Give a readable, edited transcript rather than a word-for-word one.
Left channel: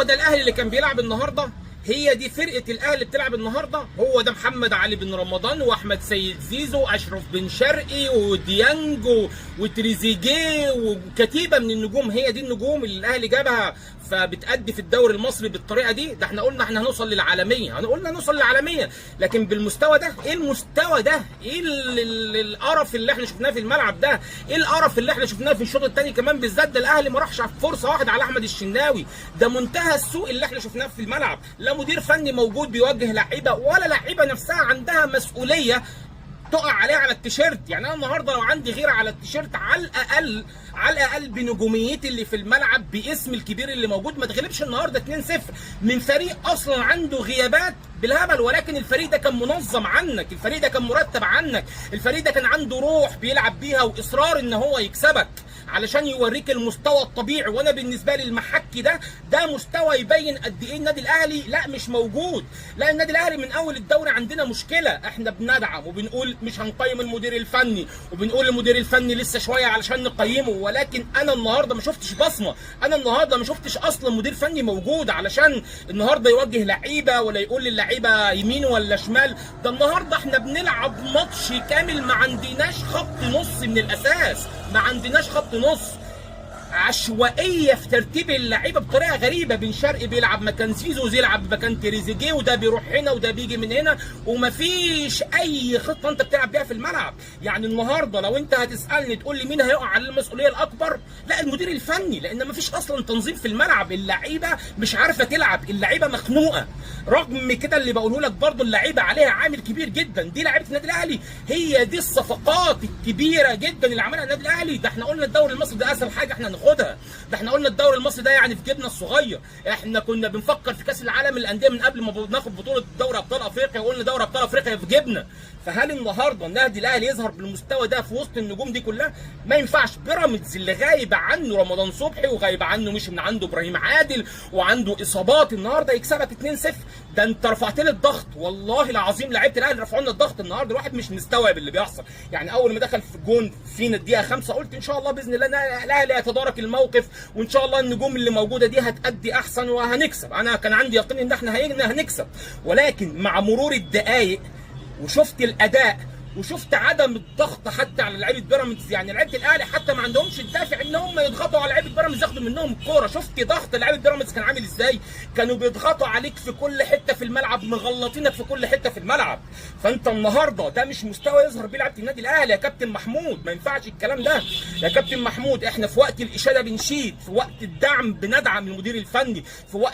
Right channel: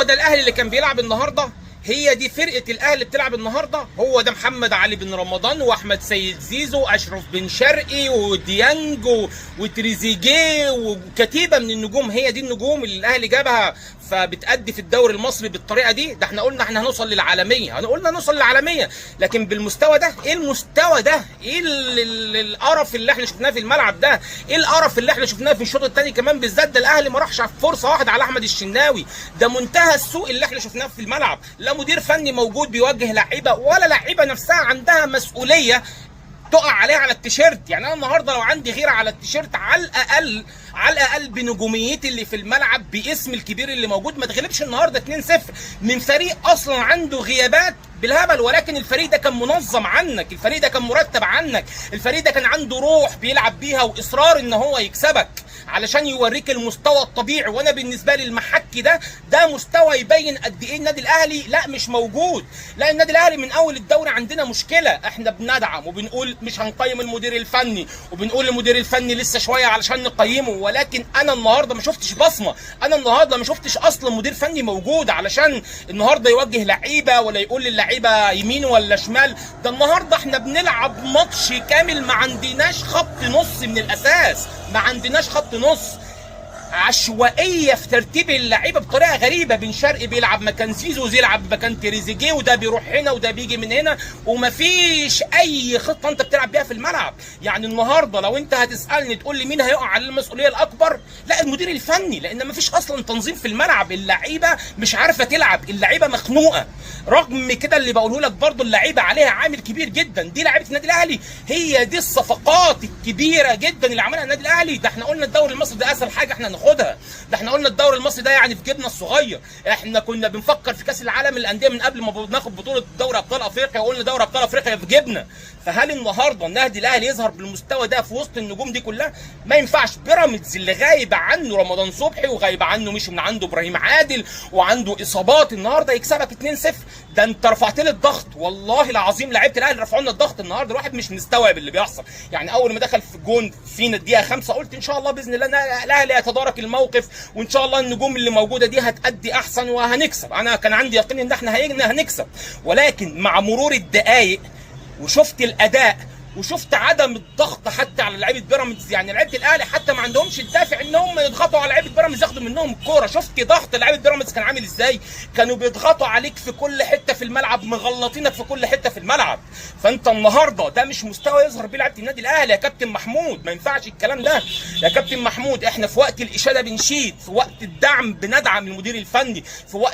هو ده الاهلي اللي كان بيلعب النهارده؟ هي دي فرقه الاهلي اللي بتلعب النهارده؟ هو ده محمد علي بن رمضان واحمد سيد زيزو واشرف بن شرقي وديانج وتريزيجيه وكتيبه من النجوم؟ هي دي النجوم اللي الاهلي جابها فبتأدي في الدوري المصري بالطريقه دي؟ ده احنا قلنا احنا هنوصل للعالميه، قلنا نوصل للعالميه، لكن بالمستوى ده؟ ايه المستوى ده؟ ايه القرف اللي احنا شفناه في الملعب ده؟ ايه القرف اللي احنا شفناه في الشوط الثاني كمان بالذات؟ ده الاهلي ما راحش فرصه واحده على احمد الشناوي، ده منتهى السوء اللي احنا شفناه في الملعب. لا مدير فني موجود بيوجه لعيبه، ولا لعيبه نفسها عندها مسؤوليه تقع عليها على التيشيرت. يعني انا النهارده لو عندي غيره على التيشيرت، على الاقل بنجوميتي اللي في الملعب باسم الكبير اللي موجود، ما تغلبش النهارده 2-0 من فريق اصلا عنده غيابات بالهبل. ولكن الفريق ده كان منظم عنك، الفريق ده كان مرتب عنك، الفريق ده كان عنده روح بيلعب بيها واصرار ان هو يكسبك علشان يوريك المستوى الطبيعي. وانا بالنسبه لي المحكي ده مستوى يبين قد ايه النادي الاهلي لا مش موجود. لا النادي الاهلي من اول الدوري عندنا مشكله، احنا بندعم وبنقول مش هنقيم المدير الفني، وبنقول المدير الفني لسه شويه علشان نقيمه، ولكن انا النهارده ما شفتش بصمه، انا النهارده ما شفتش اصلا مدير فني موجود علشان النهارده يوجه لعيبه ولا يقول للعيبه يمين ولا شمال. ده النهارده احنا بنلعب ماتش كامل ما عندناش خط نص من الاساس، ما عندناش خط نص، عشوائيه في ترتيب اللعيبه بطريقه غريبه. بن شرقي بيلعب مكان زيزو، يلعب مكان تريزيجيه، وده بيروح هنا وده بيجي من هنا، ومفيش اي خطه انت بتلعب بيها في الملعب. يعني النهارده لو انت هتسالني تقول لي مين هيقع على المسؤوليه الاكبر، لا المدير الفني، لان مفيش اصلا تنظيم في الملعب، اللعيبه مش عارفه تلعب، اللعيبه مخنوقه. رغم كده اللي بقوله لك برضه اللعيبه عليها عامل كبير جدا، دي لعيبه النادي الاهلي، هي دي الصفقات الكبيره جدا اللي عملها النادي الاهلي. ده احنا قلنا الدوري المصري ده اسهل حاجه احنا ناخدها، ده احنا قلنا الدوري المصري ده يعني في جيبنا الصغير، احنا كنا بنفكر في كاس العالم للانديه من قبل ما ناخد بطوله دوري ابطال افريقيا، وقلنا دوري ابطال افريقيا في جيبنا. فهل النهارده النادي الاهلي يظهر بالمستوى ده في وسط النجوم دي كلها؟ ما ينفعش. بيراميدز اللي غايب عنه رمضان صبحي وغايب عنه مش من عنده ابراهيم عادل وعنده اصابات، النهارده يكسبك 2-0، ده انت رفعت لي الضغط. والله العظيم لعيبه الاهلي رفعوا لنا الضغط النهارده، الواحد مش مستوعب اللي بيحصل. يعني اول ما دخل في الجون فينا الدقيقه 5 قلت ان شاء الله باذن الله الاهلي هيتدارك الموقف، وان شاء الله النجوم اللي موجوده دي هتأدي احسن وهنكسب. انا كان عندي يقين ان احنا هنكسب، ولكن مع مرور الدقائق وشفت الاداء وشفت عدم الضغط حتى على لعيبه بيراميدز، يعني لعيبه الاهلي حتى ما عندهمش الدافع ان هم يضغطوا على لعيبه بيراميدز ياخدوا منهم الكوره. شفت ضغط لعيبه بيراميدز كان عامل ازاي؟ كانوا بيضغطوا عليك في كل حته في الملعب، مغلطينك في كل حته في الملعب. فانت النهارده ده مش مستوى يظهر بيه لعيبه النادي الاهلي يا كابتن محمود، ما ينفعش الكلام ده يا كابتن محمود. احنا في وقت الاشاده بنشيد، في وقت الدعم بندعم المدير الفني، في وقت